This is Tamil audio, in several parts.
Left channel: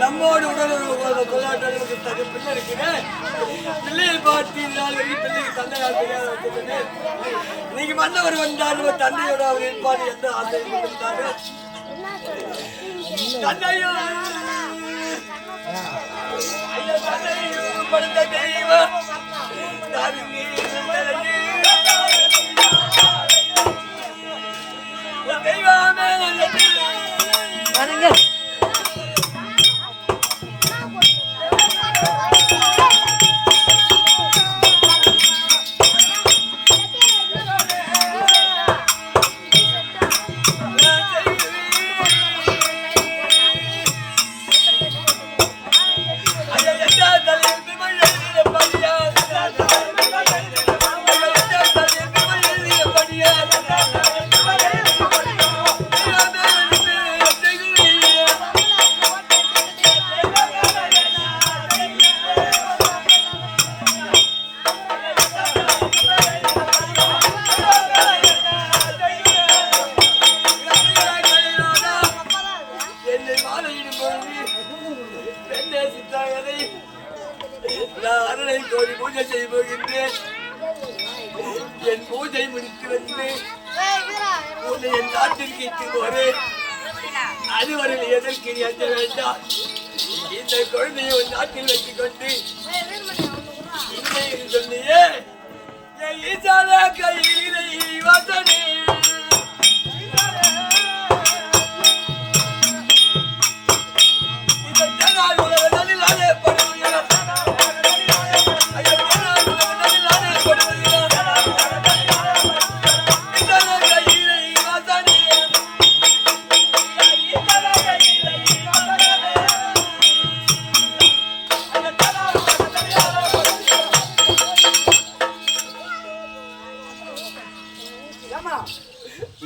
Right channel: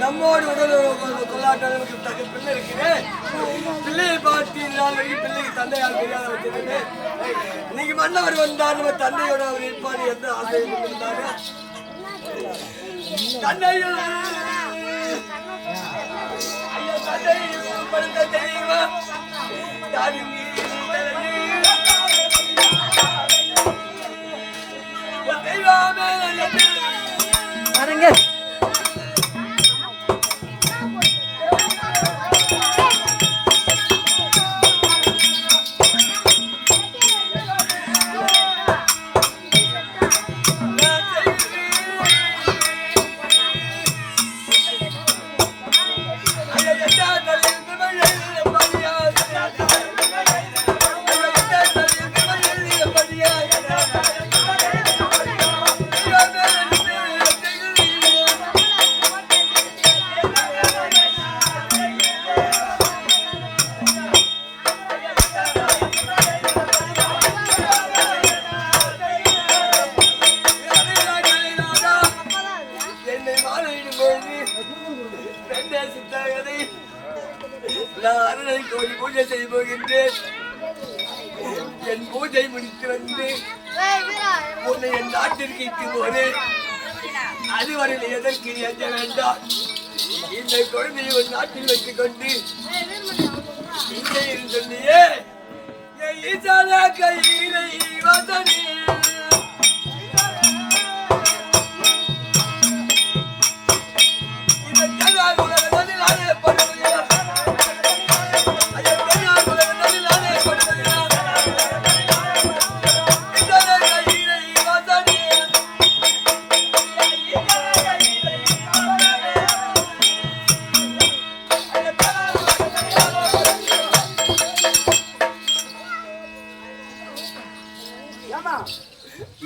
நம்மோடு உடல் கொள்ளாட்டால் நமக்கு தக்க பிள்ளை இருக்கிறேன். பிள்ளையை பார்த்து நாள் வரைக்கும் பிள்ளைக்கு தந்தையால் தெரியாத வச்சிருந்தது. இன்னைக்கு மன்னவர் வந்தால் நம்ம தந்தையோட அவர் இருப்பார் எந்த ஆசையை கொண்டிருந்தாங்க. தந்தையோ ஐயா தந்தையும் படுத்த தெய்வம் தெய்வமே வரங்க. கோடி பூஜை செய்ய போகின்றேன். என் பூஜை முடித்து வந்து உன்னை என் நாட்டிற்கு இட்டு போது அதுவரையில் எதற்கு நீ அஞ்ச வேண்டாம். இந்த குழந்தையை உன் நாட்டில் வைத்துக் கொண்டு இங்கே சொன்னியே கையிலை வாசனே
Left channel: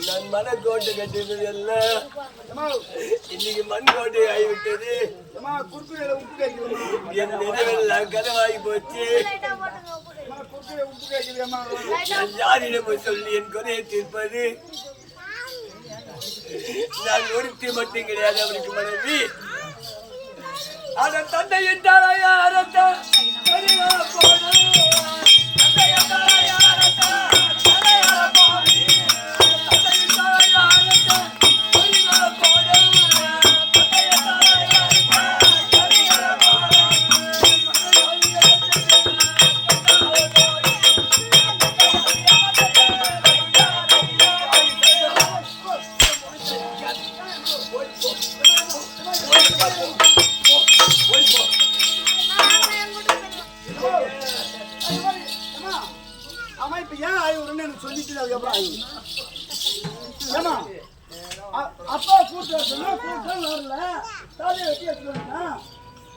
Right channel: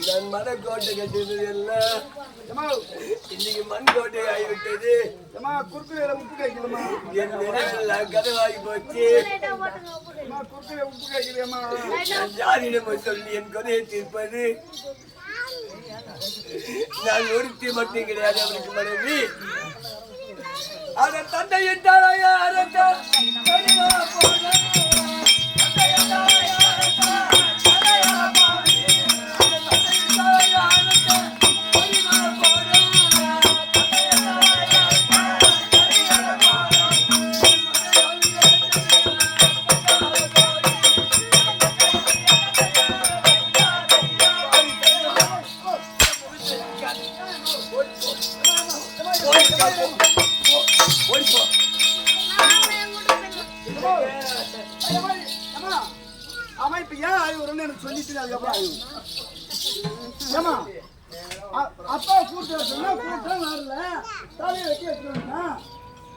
நான் மனக்கோட்டை கட்டினது எல்லாம் இன்னைக்கு மண் கோட்டை ஆகிவிட்டது. என் நினைவெல்லாம் கனவாகி போச்சு. நான் யாரிடம் சொல்லி என் கொலையை தீர்ப்பது? நான் ஒருத்தி மட்டும் கிடையாது அவனுக்கு மனைவி. அதன் தந்தை என்றாலையா அரத்தான் அம்மா இப்ப ஏன் ஆய்வுன்னு எனக்கு சொல்லிட்டு அதுக்கப்புறம் ஆய்வு ஏமா அப்பா கூட்ட சொன்னா கூட்டம் வரல தாலியை வெட்டி வச்சுருந்தா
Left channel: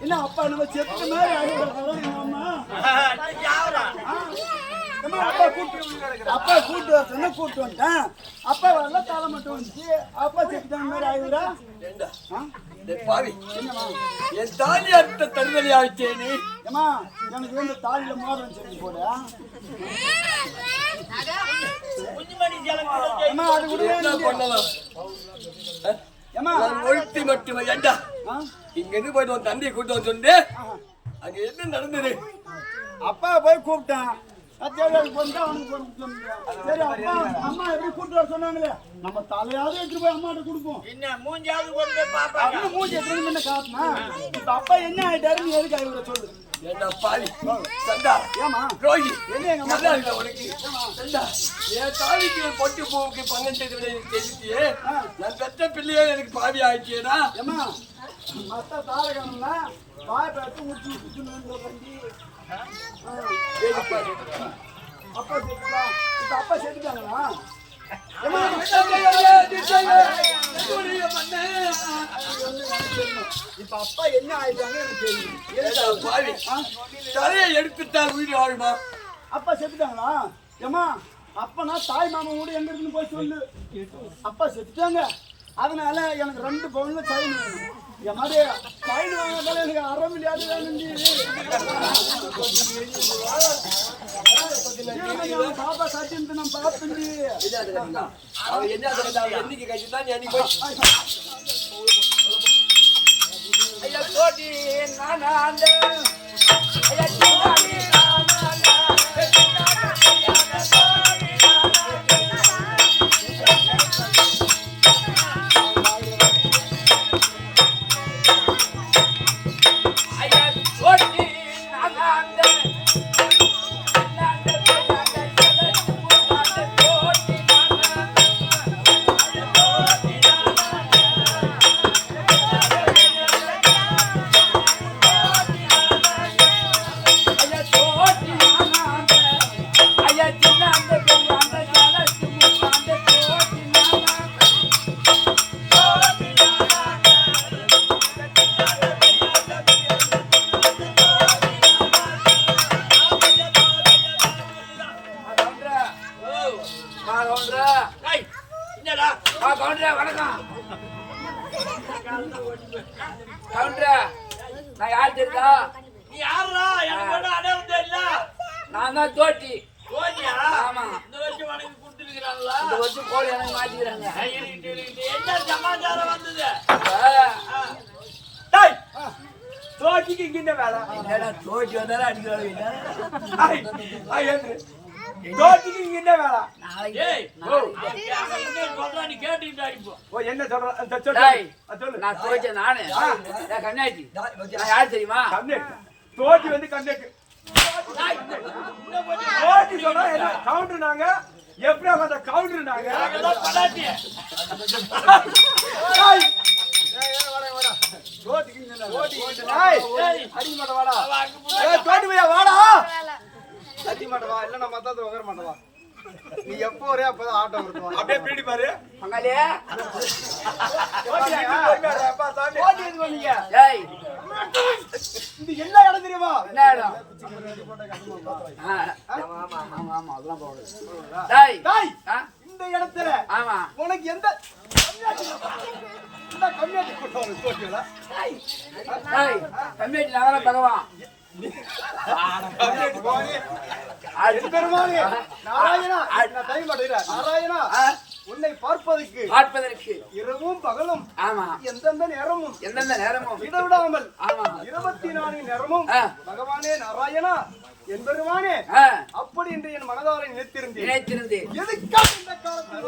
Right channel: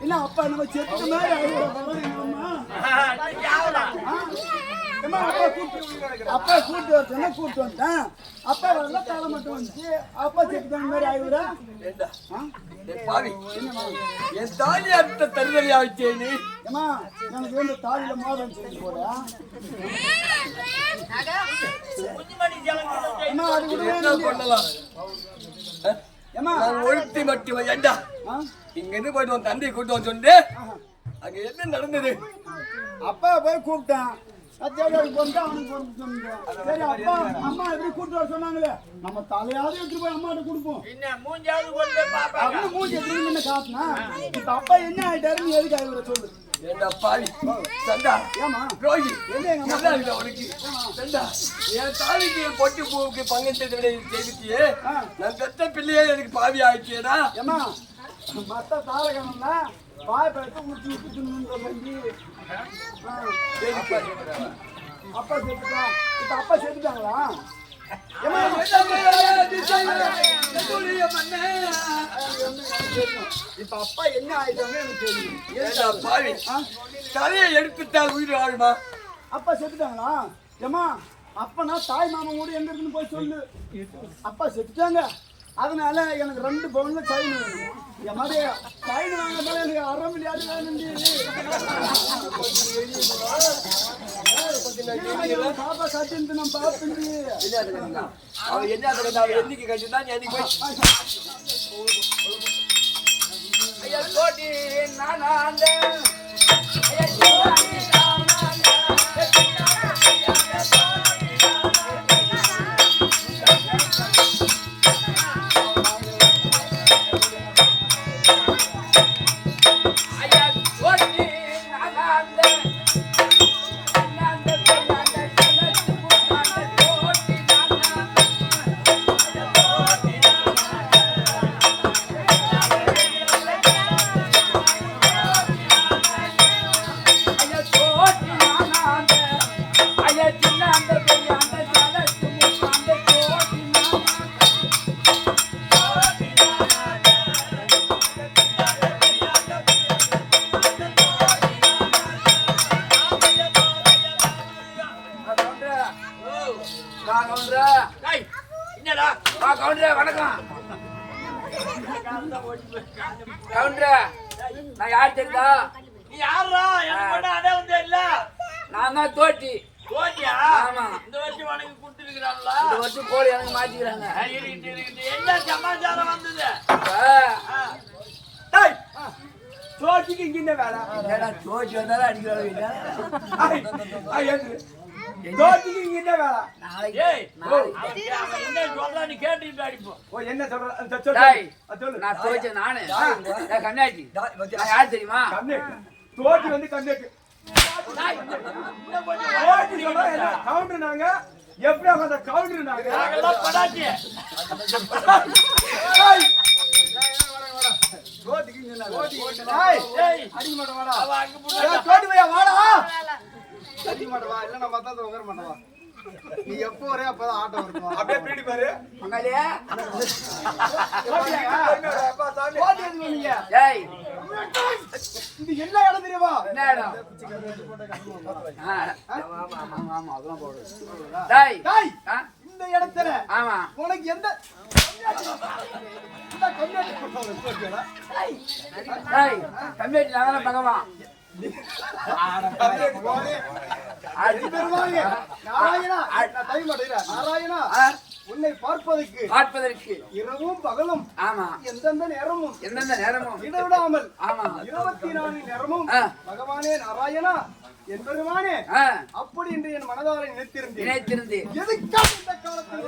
என்ன அப்பா நம்ம செத்து மாதிரி ஆய்வு அம்மா அப்பா கூட்டு வர சொன்னா கூட்டு வந்துட்டேன். அப்பா வரல தலை மட்டும் வந்துச்சு. அப்பா செத்துட்டாங்க மாதிரி ஆய்வுரா பாவி என்னமா என் தாலி அர்த்த தருதலி ஆயிட்டே நீ ஏமா எனக்கு வந்து தாலியில மோதிரம் செஞ்சு போட ஒழுத்தி மட்டுமே ஏண்டா இங்க இருந்து போயிட்டு உன் தந்தையை கூட்டு வந்து சொன்னே அங்க என்ன நடந்தது? அப்பா போய் கூப்பிட்டேன். சரி அப்பா அம்மா எப்படி கூட்டு வர சொன்னாங்களே நம்ம தலையாவது எடுத்து போய் அம்மாட்ட கொடுப்போம். மூஞ்சி எடுத்து முன்ன காட்டினா இப்ப அப்பா என்ன ஆயிட்டாரு நீ எதுக்கு ஆய்வுற சொல்லு. என்ன பாவி சண்டா ஏமா ரோகி என்ன உனக்கு சண்டா என் தாலிக்கு பொட்டு பூவுக்கு பங்கம் செய்துட்டியே. நான் பெத்த பிள்ளையே எனக்கு பாவி ஆயிடுச்சேடா. ஏமா மத்த தாளகணம்னா பாய் பேட்டு ஊற்றி அப்பா செத்துட்டா. இப்ப அப்பா செத்துட்டாங்களா? இப்ப அப்பா என்ன ஆயிட்டாங்கன்னு எனக்கு தெரியும். தலையை எடுத்துட்டால் உயிர் வாழுமா? அப்பா செத்துட்டாங்களா? ஏமா அப்பனா தாய் மாமா கூட எங்க இருக்குன்னு போய் சொல்லு. அப்பா செத்துட்டாங்க அதனால எனக்கு 2 பவுன்ல சைன் வேணும். என் மாதிரி சைன் வாங்கத்தால எனக்கு 1/2 மில்லியன் வேணும். பாப்பா கட்டிட்டு நான் பாப்பேன். அவன் என்ன என்னைக்கு கட்டினா நீ அன்னைக்கு என்னடா கவுண்டரே வணக்கம் கவுண்டரே நான் யார் தெரியுதா நீ யாரா எனக்கு மட்டும் அடையாளம் தெரியல நான் தான் தோட்டி ஓட்டியா ஆமா இந்த வருஷம் உனக்கு கொடுத்துருக்கிறாங்களா இந்த வருஷம் கோழி எனக்கு மாத்திக்கிறாங்க என்ன சமாச்சாரம் வந்தது தோட்டிக்கு இங்க என்ன வேலை என்னடா தோட்டி வந்தாலும் அடிக்கிறாங்க தோட்டிக்கு இங்க என்ன வேலை ஏய் என்ன சொல்ற நீ கேட்டுட்டு அடிப்போம் ஓ என்ன சொல்ற சொல்லு நான் தோச்ச நானு கண்ணாச்சி நான் யார் தெரியுமா கண்ணேட்டு தோட்டி வந்து கண்ணேட்டு தோட்டி சொல்றா என்ன கவுண்டர் நாங்க எப்படி அந்த கவுண்டர் நாங்க படாச்சி தோட்டிக்கு இங்க என்ன அடிக்க மாட்ட வாடா தோட்டி பையா வாடா அடிக்க மாட்ட வா இல்ல நான் மத்தாத உகர மாட்டவா நீ எப்போ வரே அப்பதான் ஆட்டம் இருக்கும் அப்படியே பீடி பாரு பங்காளியே அப்பா சாமி தோட்டி எது பண்ணீங்க ஏய் இது என்ன இடம் தெரியுமா என்ன இடம் ஆமா அதெல்லாம் போடு டேய் டேய் இந்த இடத்துல ஆமா உனக்கு எந்த கம்மியாட்டி போட்டவங்க தோட்டியா டேய் கம்மியாட்டி நாங்களே பகவான் நாராயணா உன்னை பார்ப்பதற்கு இரவும் பகலும் ஆமா எந்தெந்த நேரமும் நேரமும் ஆமா 24 நேரமும் பகவானே நாராயணா என்பருமானே அப்படி என்று என் மனதாரை நினைத்திருந்தேன் எதுக்காக இந்த காலத்தில்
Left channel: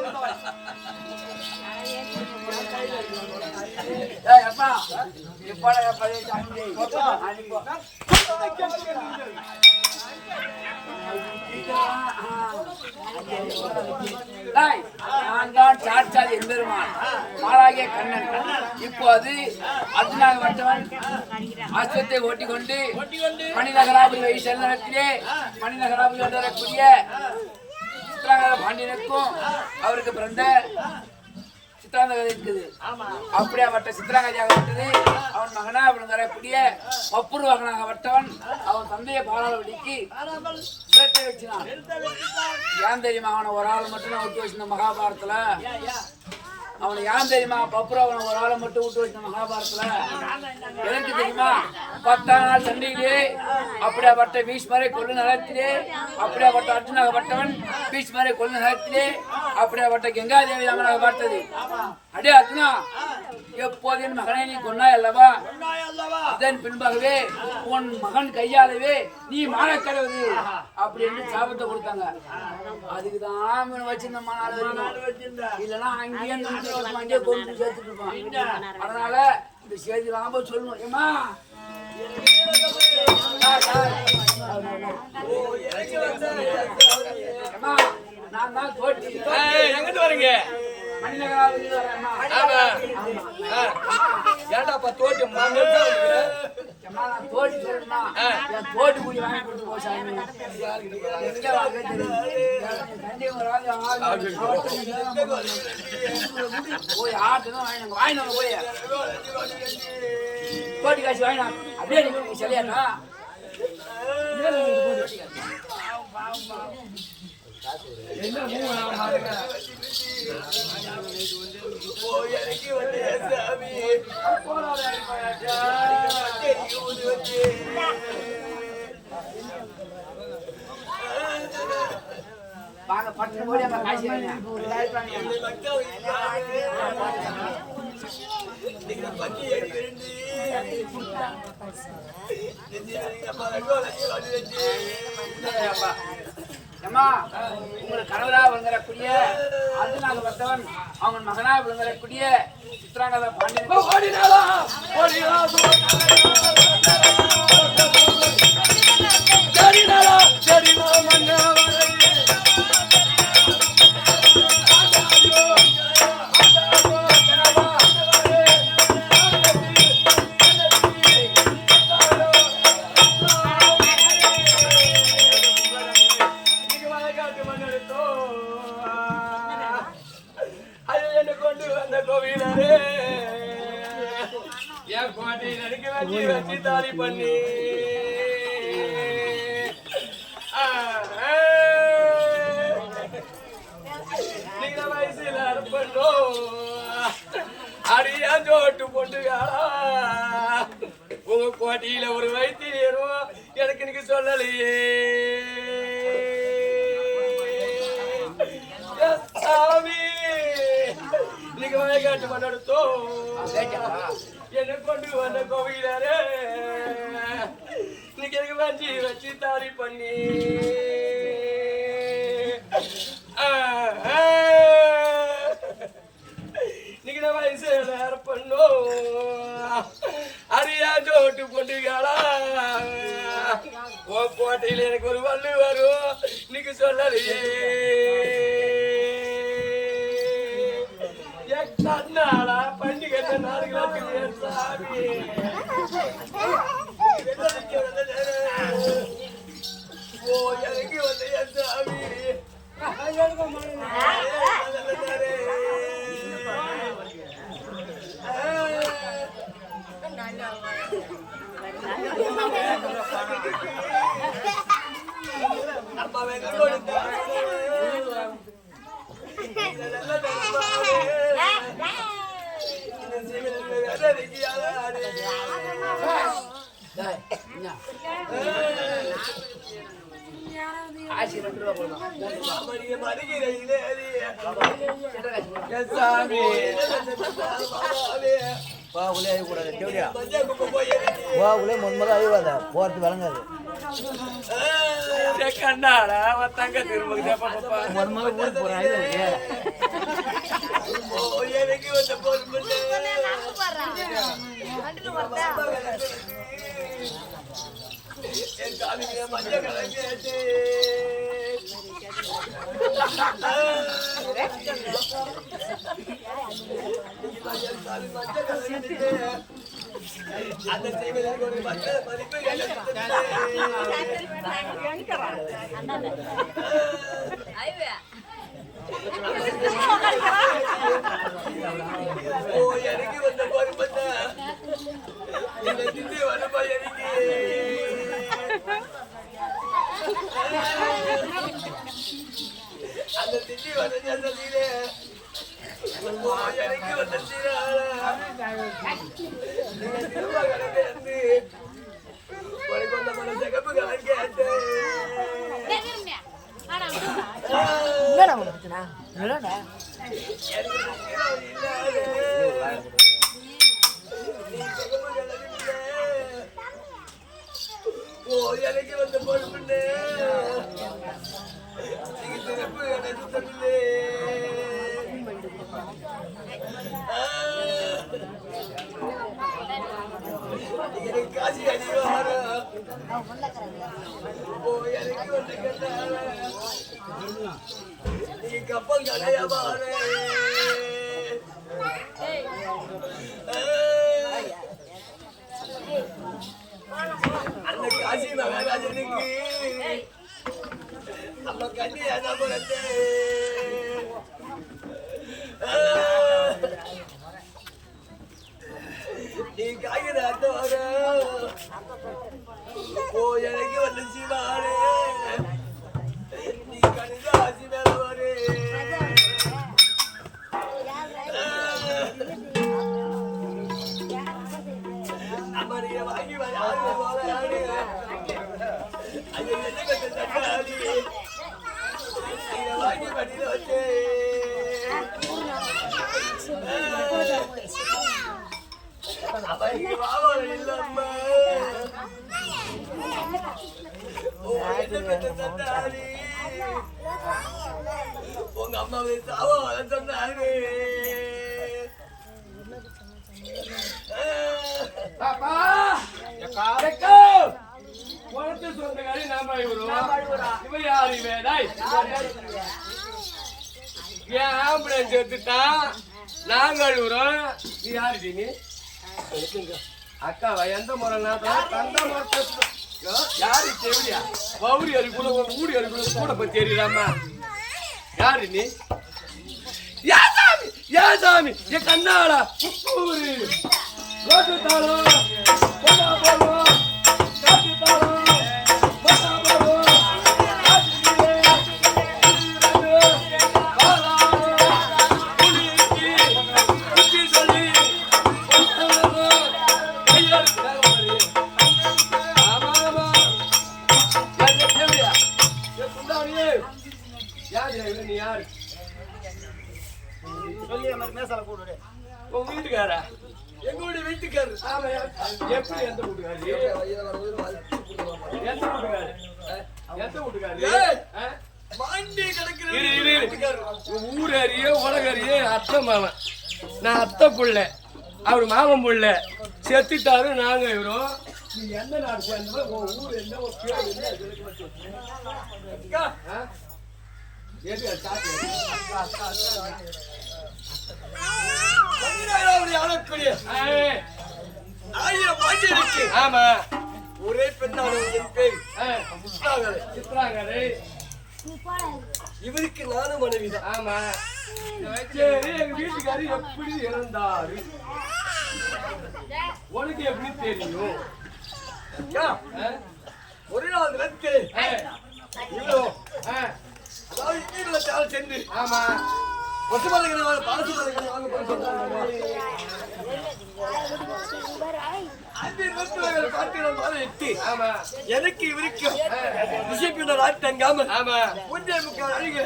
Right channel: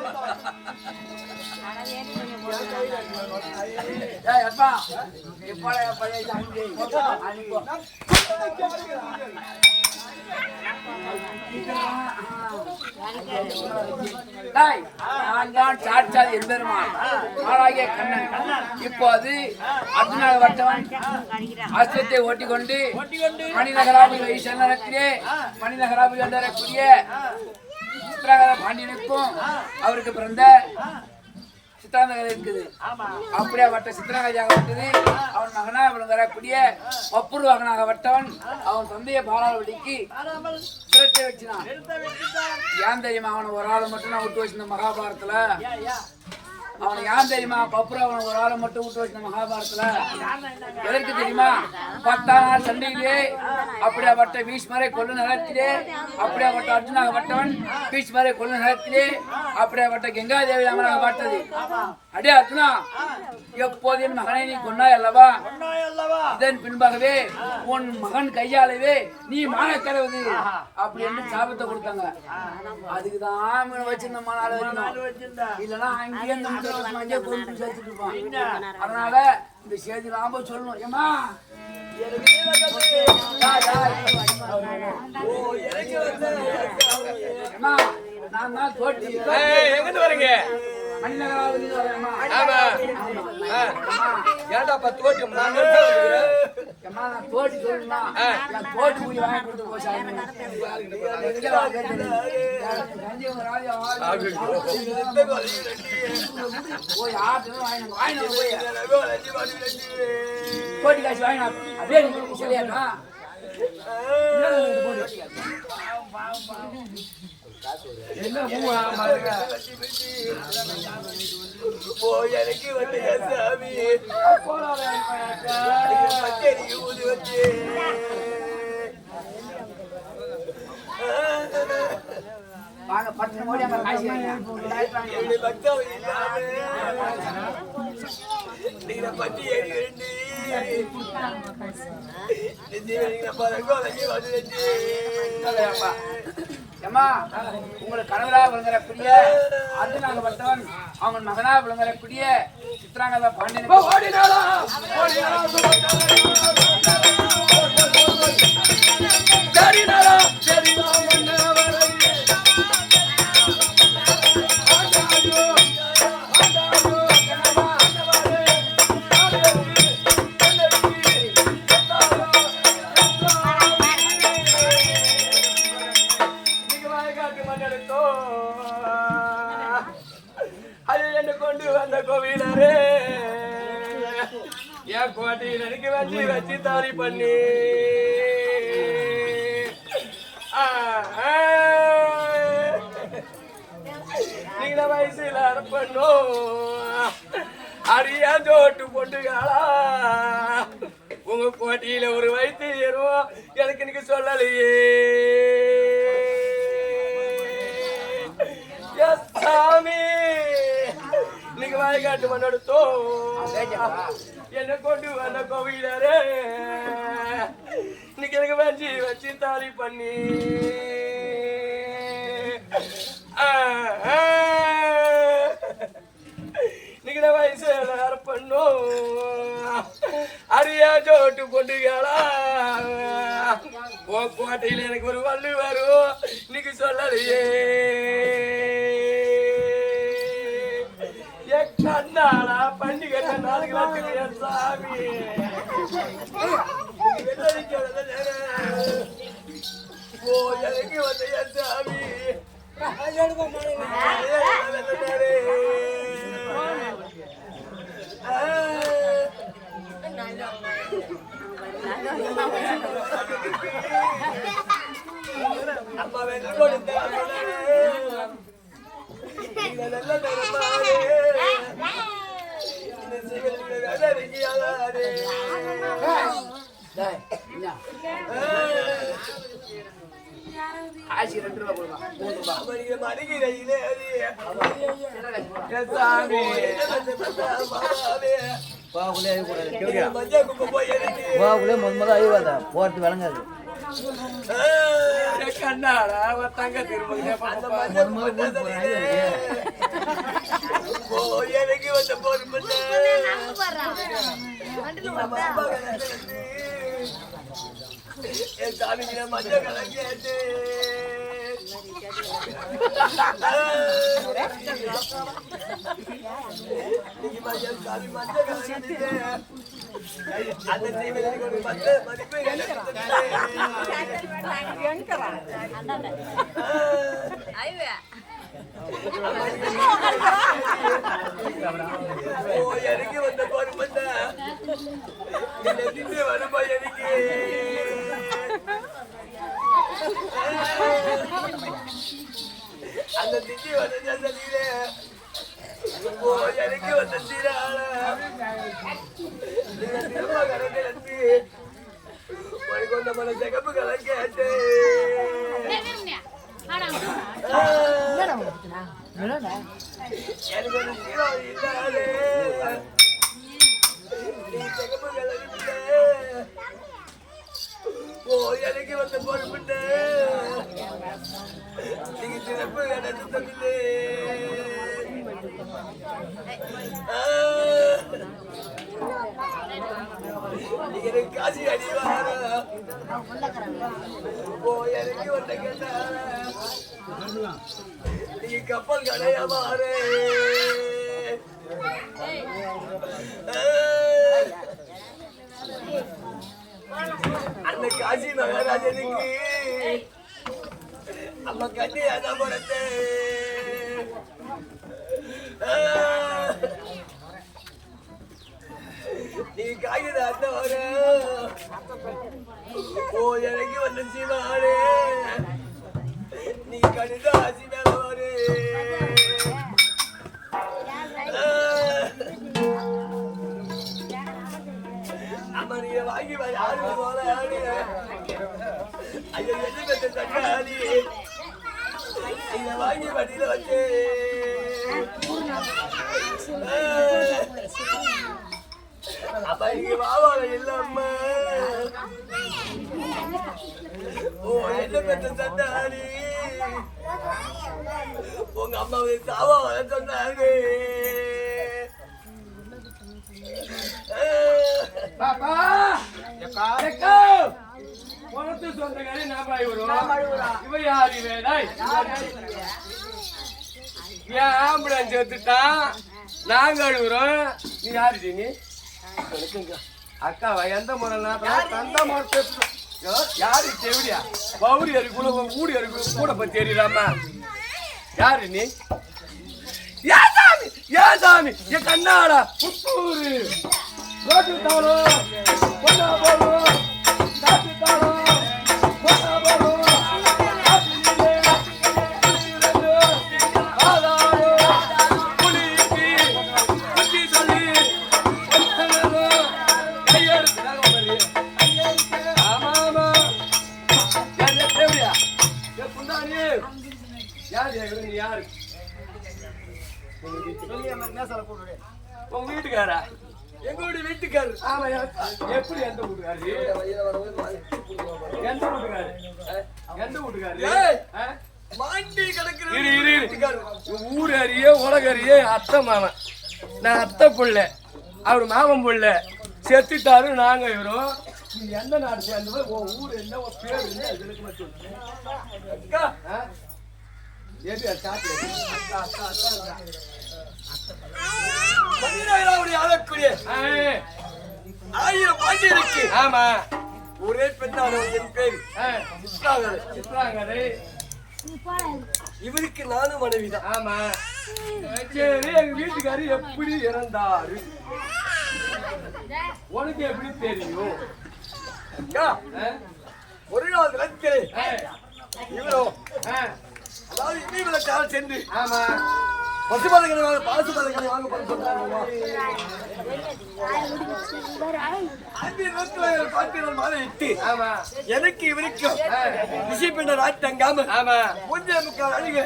நான் தான் சாட்சாத் எம்பெருமான் மாளாகிய கண்ணன். இப்போது அர்ஜுனாக வட்டவன் அஸ்வத்தை ஓட்டிக்கொண்டு மணிநகராபுரி வைசல்லத்திலே மணிநகராபுரி வரக்கூடிய சித்ராங்கத பாண்டியனுக்கும் அவருக்கு பிறந்த சித்ராங்கதை இருக்குது. அப்படியே வட்ட சித்ராங்கதியாக விட்டது அவன் மகனா அவன் வரக்கூடிய ஒப்புருவாகனாக வட்டவன் அவன் தந்தையை பாராளுபடிக்கு சிரத்தை வச்சினான். ஏன் தெரியுமா அவனை ஒரு ஆளை மட்டும் நான் விட்டு வச்சிருந்த மகாபாரத்துல அவனை ஏன் தெரியுமா பப்புரவனை ஒரு ஆளை மட்டும் விட்டு வச்சிருந்த மகாபாரத்துல எதற்கு தெரியுமா 10 நாள் சண்டையிலே அப்படியாப்பட்ட பீஷ்மரை கொல்ல நிலத்திலே அப்படியாப்பட்ட அர்ஜுனாக பட்டவன் பீஷ்மரை கொல்ல நிலத்திலே அப்படியாப்பட்ட கங்காதேவி அவனாக பார்த்தது. அடே அர்ஜுனா, எப்போது என் மகனை நீ கொன்னாய் அல்லவா, இதன் பின்பாகவே உன் மகன் கையாலவே நீ மான கடவுது அப்படி என்று சாபத்தை கொடுத்தாங்க. அதுக்குதான் வச்சிருந்த மனால இல்லைன்னா அங்கேயே அங்கேயே கொண்டு சேர்த்துட்டு இருப்பான். அதனால இந்த செய்தி லாபம் சொல்லணும். ஏமா நான் தான் தோட்டி எங்கிட்டு வரீங்க? மணிநகராவதி ஏன்டாப்பா தோட்டி நான் தோட்டி சொல்லணும்னா என் தோட்டி கூலி வாங்கி கொடுத்து போய் சாமி போய் ஆட்டுதான் வாங்கினாங்க வாங்கினாங்க போய் தோட்டி காய்ச்சி வாங்கினாங்க. அப்படியே நீங்க சரியாட்டா என்ன எனக்கு வந்து சாமி வாங்க பட்டு போய் அங்க காய்ச்சி பட்டி அம்மா உங்களுக்கு கணவரா விளங்குறக்கூடிய அர்ஜுனாக பட்டவன் அவன் மகனா விளங்குறக்கூடிய சித்ராங்கத பாண்டியன் கொண்டு வந்த கோவிலரே என் கோட்டையில் எனக்கு வச்சு தாலி பண்ணி நீங்க வயசுல அறுப்பணும் அடியா ஜோட்டு பொண்டுகளா உங்க கோட்டையில ஒரு வயிற்று ஏறும் எனக்கு இன்னைக்கு சொல்லலையே சாமி இன்னைக்கு வயக்காட்டு மண்ணெடுத்தோ என்ன கொண்டு வந்த கோவிலரே இன்னைக்கு எனக்கு வச்சு தாலி பண்ணி இன்னைக்கு நான் வயசுல அறுப்பண்ணும் அரியா ஜோட்டு பொண்டுகளா உன் கோட்டையில எனக்கு ஒரு வள்ளு வரும் இன்னைக்கு சொல்லலையே நன்னாளா பண்டிகை நாளுக்கு சாமி ஓ எனக்கு வந்த என் சாமி அம்மா ஆசி 2 ரூபா போடுமா 3 ரூபா மடிகிறையிலே சாமி பாவுலே கூட மஞ்சா குப்பை போய் பாவுலே மன்மதா ஐவாத போறது விளங்காது கண்ணாடா வத்தாங்க திரும்ப மன்மதா ஊர் போறாங்க ஓ எனக்கு வந்த போர் பண்ண என் சாமிக்கு மஞ்ச கலங்கேட்டு சாமி மஞ்ச கலங்கிட்டு அந்த தீவிரம் ஒரு மஞ்ச மதிப்பு ஓ எனக்கு வந்த போர் பண்ண திட்டு வருமா எனக்கு அந்த திட்டி வந்த நீலே ஓ எனக்கு வந்த திரும்ப கலந்து கொண்ட மன ஜகப்பு கலந்து எனக்கு ஒரு ஹீரோ இல்லாதே நீ ஜகப்பு கலந்து ஓ எனக்கு வந்த போது முன்ன நீங்க சிறப்பு நடந்து தந்தது எனக்கு காசி அடிவார ஓ எனக்கு வந்த கண்டார நீங்க கப்பல் கடைய மாறு அந்த காசி மகாராஜனுக்கு அம்மா கண்ணியான பிறந்தே நீ காகித வர ஓ எனக்கு வந்து சிவாரே நீ கணித ஆசி மேல வரு அம்மா நீ வாங்கி யாரு யாரு ஐயோ என்ன பெற்ற தட்டாடி நீங்க வாங்கி வண்டியில வச்சு அம்மா இங்க வாவா இல்ல அம்மா. ஓ என்ன பெற்ற சண்டாரி உங்க அம்மாவை சாவா வர சொன்னாங்க. பாப்பா உனக்கு சொந்தக்காரி நாம இவர் யாரு வேடாய் ஏன் ஆம்புலன்ஸ் எடுத்துட்டான் நாங்க அழுகுறோம். நீ யாருடி நீ அக்காவா? எந்த முறை தந்த முறை யாரு தெவிடியா பௌரி அருக்குள்ள ஊடி அருக்குள்ள கூட போய் தெரியுதாம்மா? யாரு நீ? ஏசாமி என் கண்ணாடா புத்தூரு ரோட்டு தாளம் பொண்ணா போலும் காட்டு தாளம் பொண்ணா போலும் யாரு சொல்லி மாதிரி மேசால கூடு. உங்க வீட்டுக்காரா? எங்க வீட்டுக்காரு. ஆமா. எப்படி எந்த வீட்டுக்காரு? எந்த வீட்டுக்காரு? எந்த வீட்டுக்காரு? மாண்டி கிடக்குற வீட்டுக்காரு. ஊர் அறிய உலக அறிய அத்தை மாமன். நான் அத்தை புள்ள, அவர் மாமன் புள்ள. செத்துட்டாரு நாங்க இவரும். நீ எந்த நாடு சேர்ந்த உன் ஊர் என்ன ஒரு பேர் என்ன எது சாத்தி ஆயிரம் பாண்டி இருக்கு. ஆமா. ஒரே பெண்ணானவன் என் பேரு சித்ராங்கதை. இவருக்கு நானும் மனைவிதான். ஆமா. சரி எங்க வீட்டுக்காரு எப்படி இறந்தாரு உனக்கு எப்படி தெரியும்? ஒரு நாள் ரத்து இவ்வளோ அதாவது இவங்கள கால சென்று ஆமா பசுபாதைகளை வாங்க பாசுபாதைகளை வாங்க பண்ண சொன்னாங்க. எனக்கு இவருக்கும் திசைப்பிண்ட ராஜ் தங்காம மூன்றே முக்கால் அழிவு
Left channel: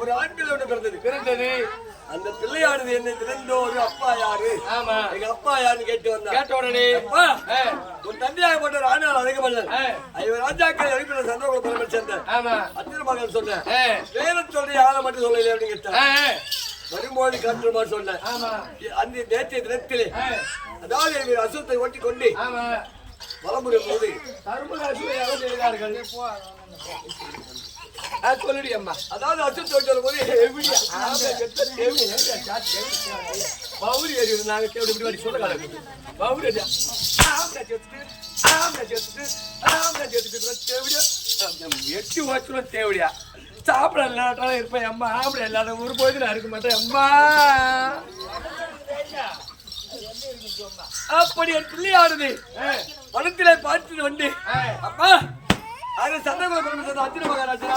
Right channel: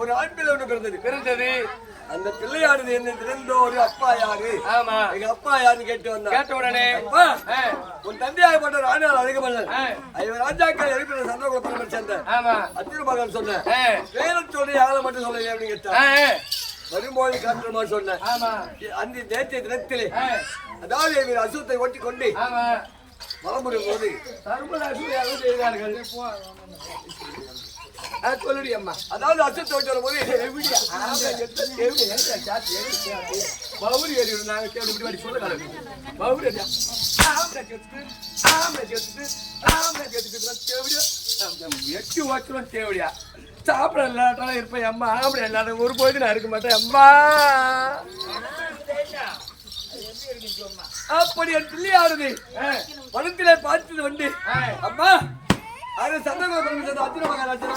ஒரு ஆண் பிள்ளை பிறந்தது. அந்த பிள்ளையானது என்ன திறந்தோ ஒரு அப்பா யாரு? ஆமா எங்க அப்பா யாருன்னு கேட்ட உடனே அப்பா உன் தந்தையாகப்பட்ட ஒரு ஆணால் அதிகமல்லன் ஐவர் ராஜாக்கள் எழுப்பின சந்திரகுல பரம்பரை சேர்ந்த அத்திர மகன் சொன்ன வேற சொல்ற ஆளை மட்டும் சொல்லல அப்படின்னு கேட்டான். வரும்போது காட்டுமா சொன்னேன். அந்த நேற்றைய தினத்திலே அதாவது இவர் அசுத்தை ஓட்டி கொண்டு வளமுறை போது சர்வராஜுவையாக செய்தார்கள். சொல்லுடி அம்மா. அதாவது அசுத்தை ஓட்டி வரும்போது பௌரி ஏறி நாங்க இப்படி சொல்ல காலம் பௌரி எட்டு வச்சுரும் தேவடியா சாப்பிட இல்லாட்டாலும் இருப்பேன் அம்மா. ஆம்பளை இல்லாத ஒரு போது நான் இருக்க மாட்டேன் அம்மா. அப்படி ஒரு பிள்ளையானது பணத்திலே பார்த்து வந்து அம்மா அது சந்தகுல பரமேஸ்வரன் அத்திர மகாராஜனா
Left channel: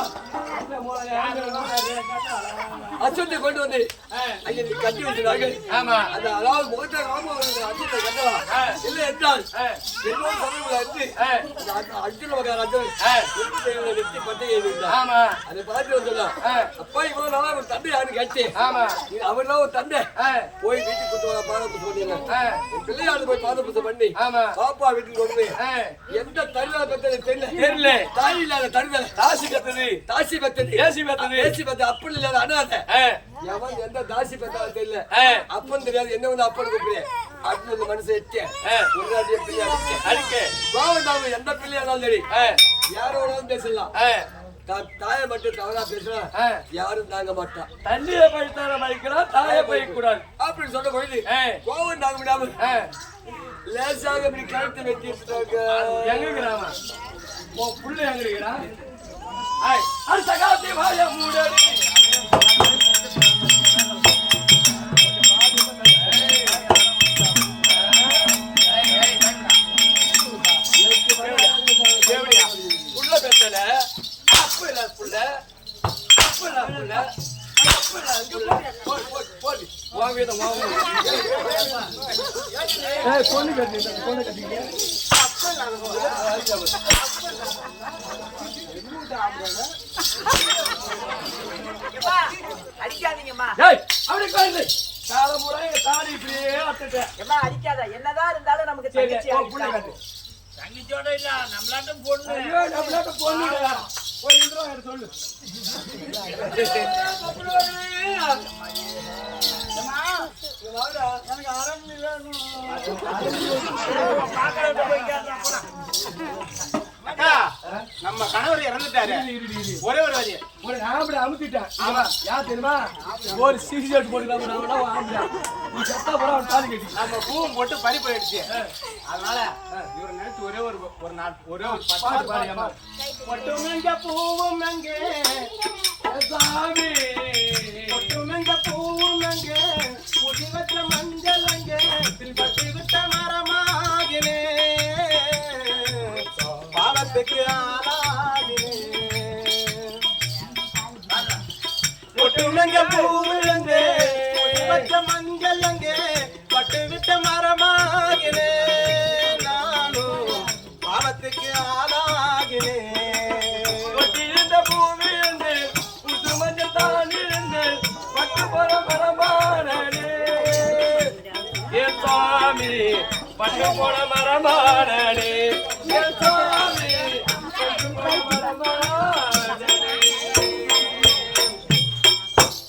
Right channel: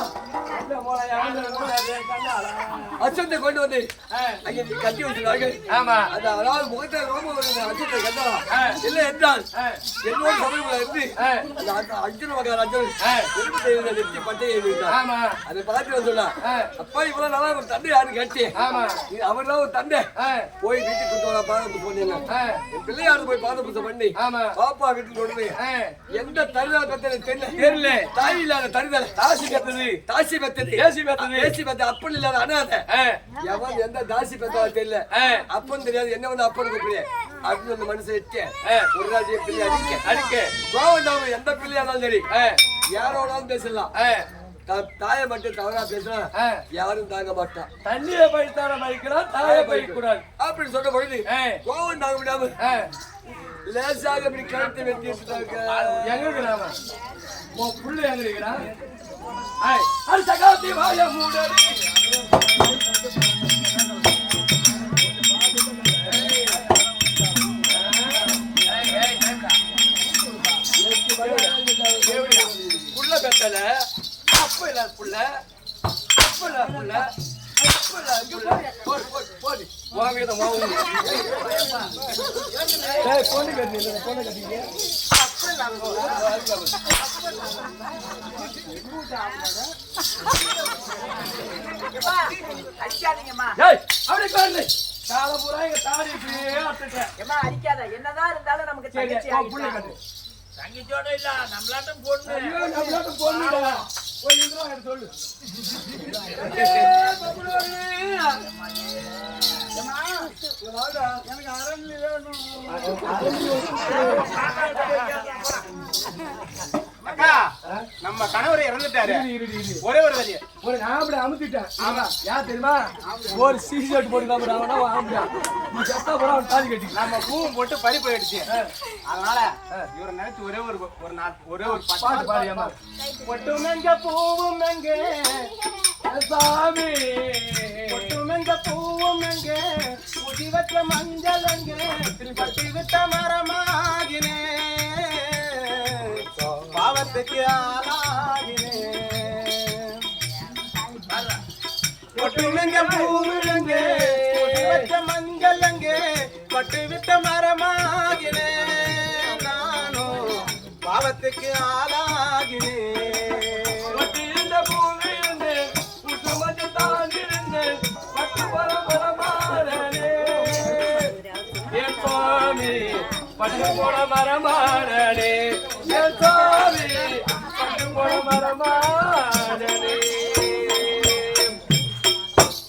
அச்சத்தை கொண்டு வந்து அங்கே கட்டி வைக்கிறார்கள். ஆமா. அந்த அதாவது முகத்தை அச்சத்தை கட்டலாம் இல்லை என்றால் என்னோட சமயங்கள இருந்து அந்த அர்ஜுன மகாராஜன் எலும்பு தெய்வங்களை வெற்றி பட்டை எழுதிட்டார். ஆமா. அதை பார்த்து சொன்னா அப்பா இவ்வளவு நாளா உன் தந்தை யாருன்னு கேட்டேன். ஆமா. அவர் தான் ஒரு தந்தை போய் வீட்டுக்கு கொண்டு வர பாத புத்தம் பண்ணீங்க. என் பிள்ளையாரு போய் பாத புத்தம் பண்ணி பாப்பா வீட்டுக்கு கொண்டு போய் எந்த தருதலை பத்தி தெரியல. தாய் இல்லாத தருதலை தாசி பெத்தது ஏசி பெத்தது அப்பன் இல்லாத அனாதை எவன் எந்த தாசி பெத்தவா தெரியல. அப்பன் தெரியாது என்ன வந்து அப்பன் கூப்பிடு அப்படின்னு அந்த மனுஷன் எட்ட ஒரு ராஜ்ய பிள்ளை அடிக்க கோவம் எந்த பிள்ளையா இருந்தாலும் சரி யாரோடாலும் பேசலாம். தாயை மட்டும் தவறா பேசுறா யாரும் தாங்க மாட்டான். தண்ணியை பழித்தார பழிக்கலாம் தாயை பழிக்க கூடாது அப்படின்னு சொன்ன பொழுது கோவம் தாங்க முடியாம லேசாக இப்படி கழுத்தை வெட்டி எடுத்துட்டாங்க. எங்க கிராம புள்ளு எங்க இருக்கிறான்? அது சகாத்தி வாய மூட புள்ள பெத்தல அப்ப இல்ல புள்ள அப்ப இல்ல புள்ள போடு வாங்கிதான் வாங்க பொண்ணு கட்டி அடிக்காதீங்கம்மா. அவனுக்கு தாட பூரா எங்க தாடி இப்படியே அத்துட்டேன். ஏம்மா அடிக்காத, என்னதான் இருந்தாலும் நமக்கு சரி, தங்கச்சி ஓ, புள்ளி ஆகிட்டா. கட்டு. தங்கச்சியோட இல்ல நம்மளாட்டம் பொண்ணு. ஐயோ, நம்மளாட்ட பொண்ணுடா. போய் இந்திரா கிட்ட சொல்லு. ஏம்மா, இங்க வாடா, எனக்கு அரம்பு வேணும். அக்கா நம்ம கணவர் இறந்துட்டாரு. ஒரே ஒரு வரி. ஒரு ஆம்பளை அமுத்திட்டான். ஆமா, யார் தெரியுமா? ஒரு சீசேட் போட்டுக்காம அவனா ஆம்பளை. நீ செத்தா போற அவன் தாலி கட்டி. நம்ம பூவும் போட்டு பறி போயிடுச்சு. அதனால இவரை நினைச்சு ஒரே ஒரு பாட்டு பாடியாமா? பொட்டும் எங்க பூவும் எங்க சாமி, பொட்டும் எங்க பூவும் எங்க உதி வச்ச மஞ்சள் எங்க பட்டி விட்ட மரமாகினே பாவத்துக்கு ஆளாகினே. பொட்டும் எங்க பூவும் எங்க உதி வச்ச மஞ்சள் எங்க பட்டு விட்ட மரமாகினே நானும் பாவத்துக்கு ஆளாகினே. இருந்த பூமி இருந்து புது மஞ்சள் தான் இருந்து பட்டு போற மரமானே என் சாமி, பட்டு போன மரமானே என் சாமி, பட்டு போன மரமானே.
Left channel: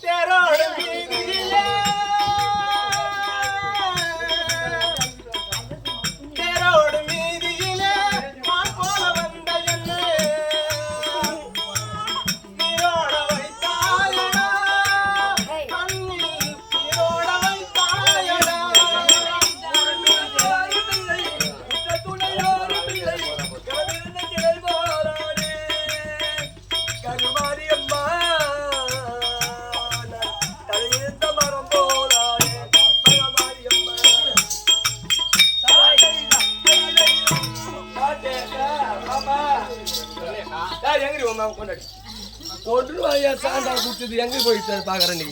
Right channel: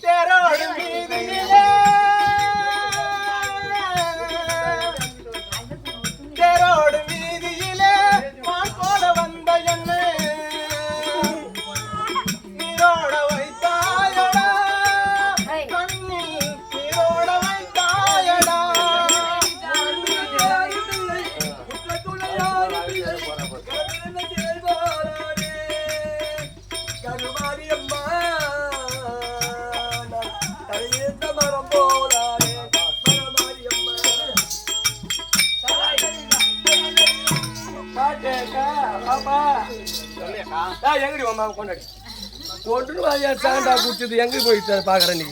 தேரோடு வீதியிலே தேரோடு வீதியிலே மான் போல வந்த என்ன நீரோட வைத்தாயடா கண்ணில் நீரோட வைத்தாயடா. கருமாரியம்மா, நான் தலையிருந்த மரம் போலானே கருமாரியம்மா. எங்கடி மாமா கொண்டாடி ஒன்று வாயா சாண்டா குடிச்சது எங்க போயிட்டு பாக்குறேன் நீ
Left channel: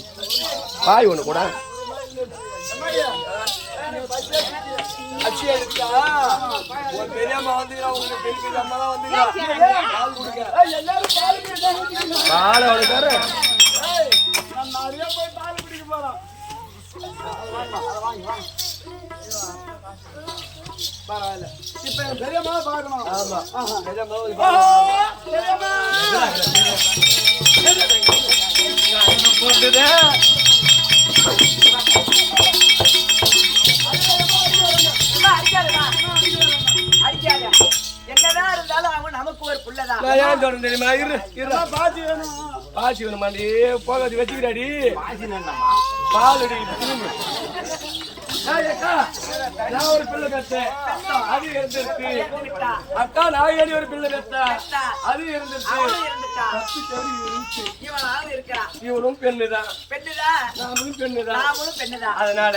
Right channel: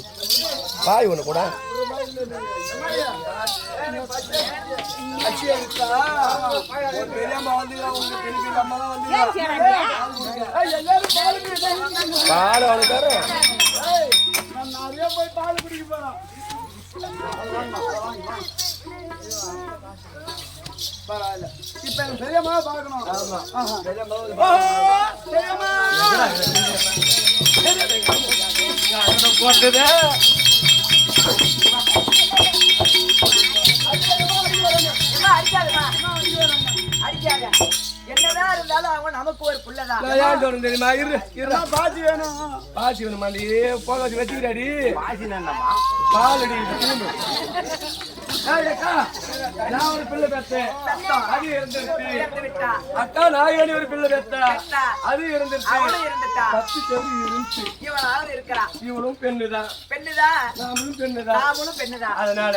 பாய் ஒண்ணு கூட அச்சி எடுத்தா ஒரு பெரியம்மா வந்துக்கிறா, உங்களுக்கு பெரிய பெரிய அம்மா தான் வந்துக்கிறா. பால் கொடுக்க பால் அவனுக்கு தரேன். நான் நிறைய போய் பால் குடிக்க போறேன். பரவாயில்ல. இப்ப எங்க பெரியம்மாவை பார்க்கணும். ஆமா, பெரியம்மா பெரியம்மா போட்டது ஏம்மா, அடிக்காதம்மா. அடிக்காத. என்னதான் இருந்தாலும் அவங்க நமக்கு ஒரு புள்ளதான். ஏன் தோணும் தெரியுமா? பாத்தி வேணும். பாசி வேணுமாண்டி, போகாது வச்சுக்கிறாடி. பால் அடி திரும்ப. அக்கா, நான் ஒரு பிள்ளை பெத்தேன், அது இருந்துருச்சு. இறந்து விட்டா. அக்கா நாயகனி ஒரு பிள்ளை பெத்தா, பெத்தா. அது இருந்துருச்சு. அவளும் இருந்துட்டா. பத்து செவி இருந்துச்சு. இவனாலும் இருக்கிறான். இவனும் பெண்ணுதான், பெண்ணுதான், நாமளும் பெண்ணுதான். நாமளும் பெண்ணுதான். அதனால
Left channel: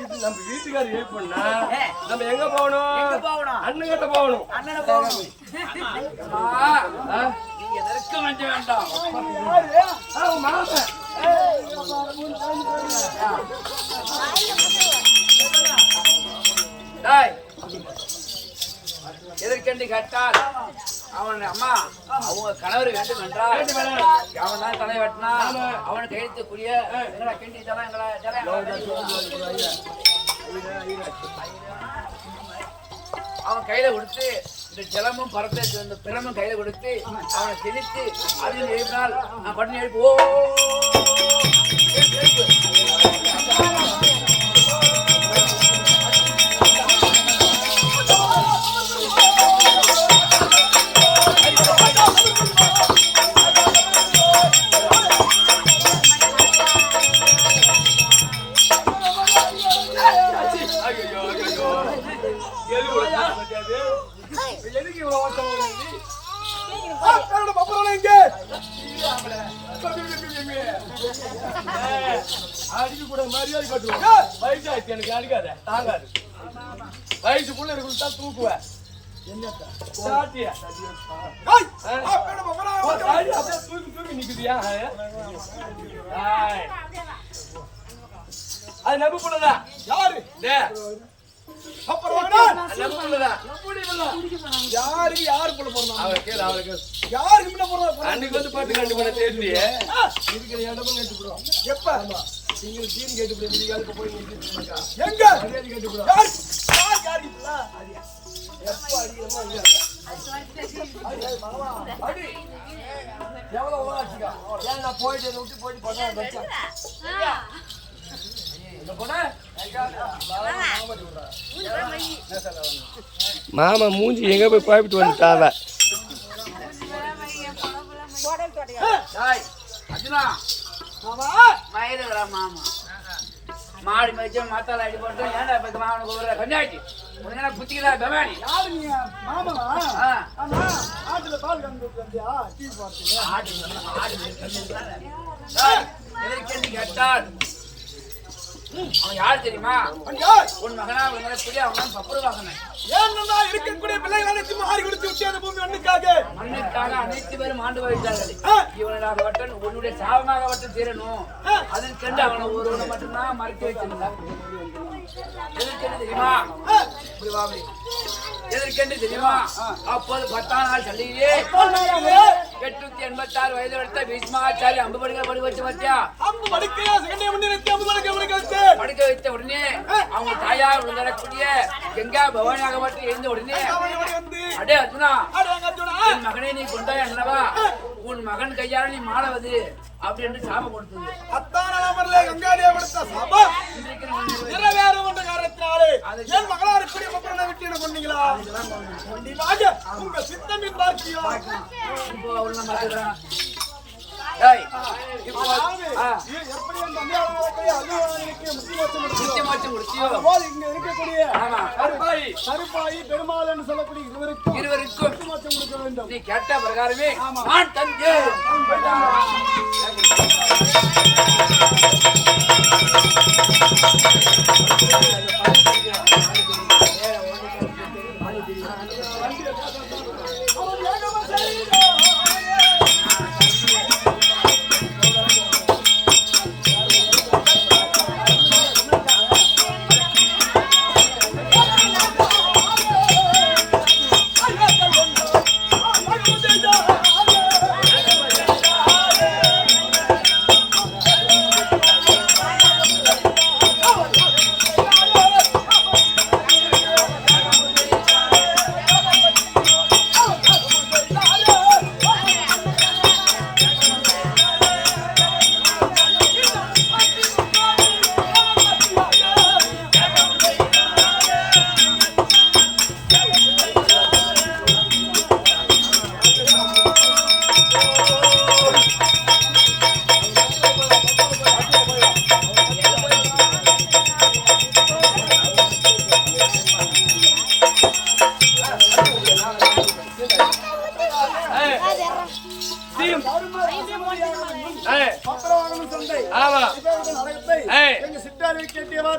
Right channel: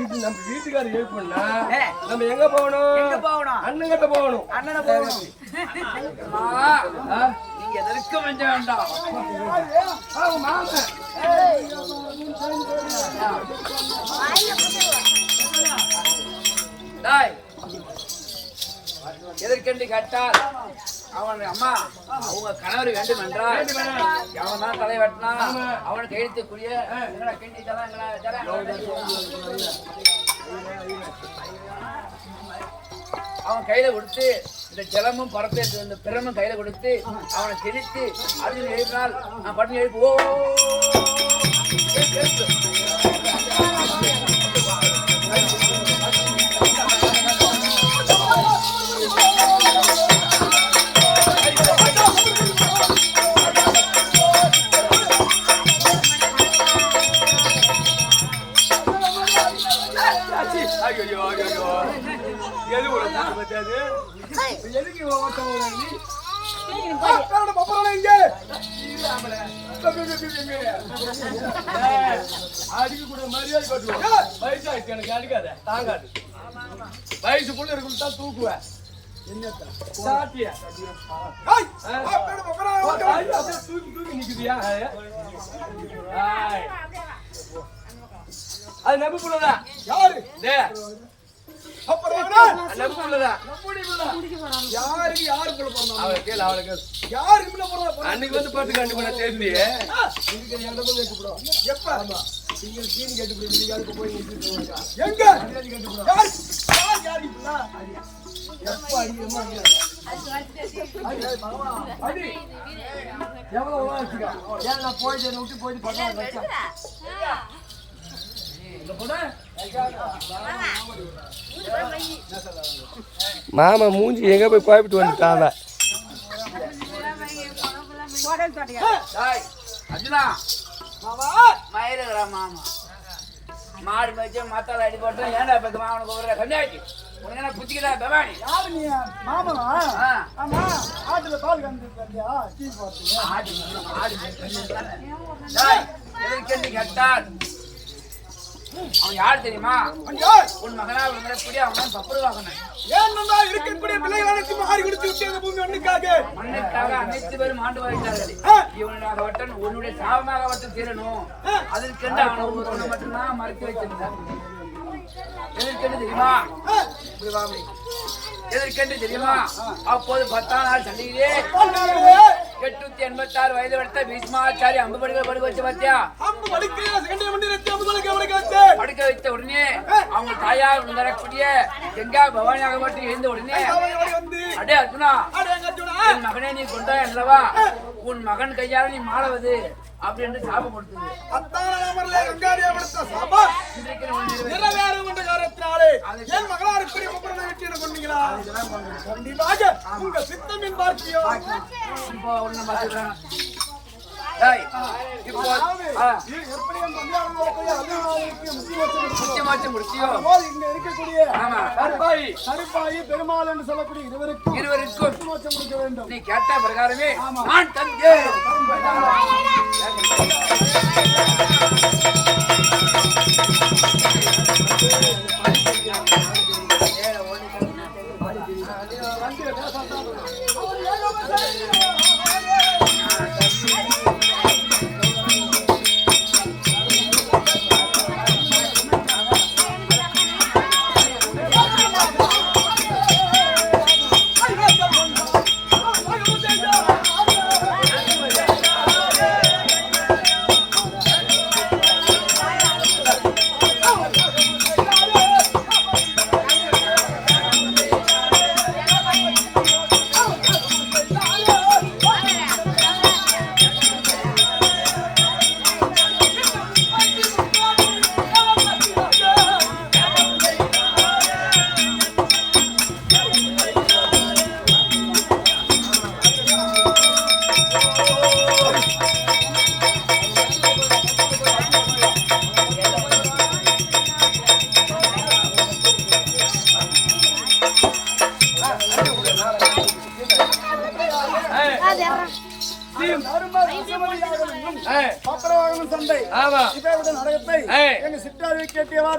இது நம்ம வீட்டுக்காரர் எழுப்புனா ஏ. நம்ம எங்க போகணும்? எங்க போகணும்? அண்ணங்கிட்ட போகணும். அண்ணனை போகணும். நீங்க எதற்கு வஞ்ச வேண்டாம். மாமன் டாய், எதற்கென்று கேட்டால் அவன் அம்மா அவங்க கணவர் வேண்டும் என்றால் அவன் தான் தலை வெட்டினா அவன் கையெழுத்துக்குரிய எங்களா கிண்டி தலை அவன் கையில கொடுத்து இந்த ஜலமும் பரத்தை இந்த பிரமும் கையில கொடுத்து அவனை கிழித்து அர்ஜுன் எழுப்பினால் நான் பட்டு எழுப்பு. ஓ எழுப்பு. எதுக்கு இவ்வளவு ஓட்டம் அடிக்க கூட மரியாதை கட்டுவோம். வயசாயிடுச்சு எனக்கு, அடிக்காத, தாங்காது. வயசுக்குள்ள இருக்குதான் தூக்குவேன். சாட்டியா அப்படியே தூக்கி தூக்கி நிக்குதியா? அது நம்பு புள்ளதான். யாரு அன்னைக்கு வந்து பாட்டு கண்டு பண்ண தெரிஞ்சு இருக்கிற இடமும் கேட்டு எப்ப நீங்கள் சீனி கேட்டுப்படி விடிகால இப்ப போய் நிறுத்திட்டு எங்க மரியாதை கேட்டுப்பட யார் யார் இப்ப எப்ப அடிக்கிறோமோ அங்கே அடி எவ்வளவு வச்சுக்கா ஏன் நான் போயிட்டு என்னை விட்டு போயிட்டு பக்கம் மாமா மூஞ்சி எங்க போய் குழப்பிட்டு வந்துட்டாங்க அர்ஜுனா மயிலுங்களா மாமா மாடு மேய்ச்ச மத்தால அடி போட்டு ஏன்டா இப்ப மாமனுக்கு ஒரு கண்ணாடி உடனே புத்திக்கிறா பவானி யாரு நீ மாமனா ஆமா ஆட்டுல பால் கறந்துட்டு வந்தியா டீ பார்த்துங்க ஆடு எதற்கென்று கேட்டால் அவன் யார் தெரியுமா உன் மகனா உங்களை அவன் பப்புரு வாங்கினான் ஏன்னா இருக்கக்கூடிய பிள்ளைகள் அனைத்து மாறி கொடுத்து விட்டு அந்த பூமி மண்ணுக்காக அனைத்து பேரும் ஆண்டு வருகிறார்கள் இவனாக வட்டன் உன்னுடைய சாபமாக வட்டம் தீரணும் அதற்கென்று அவனை ஒருவனை மட்டும்தான் மறைத்து வச்சிருந்தான் எதற்கென்று தெரியுமா எதற்கென்று தெரியுமா அப்போது 10 நாள் சண்டையிலே 886 வயது வளர்த்த பீஷ்மாச்சாரி அம்பு படுக்க வச்சு பார்த்தியா படுக்க வைத்த உடனே அவங்க தாயார் விழுந்தரக்கூடிய கங்கா பவானியாக மட்டும் எழுந்த உடனே அடே அர்ஜுனா என் மகனே நீ கொண்டாய் அல்லவா உன் மகன் கையால் நீ மாளவது அப்படின்னு சாபம் கொடுத்தது கருப்பாயி பெருமாள் என்று சொல்லக்கூடிய இருவருக்கும் கொடுக்க வேண்டும். நீ கேட்ட பிரகாரமே நான் தந்தே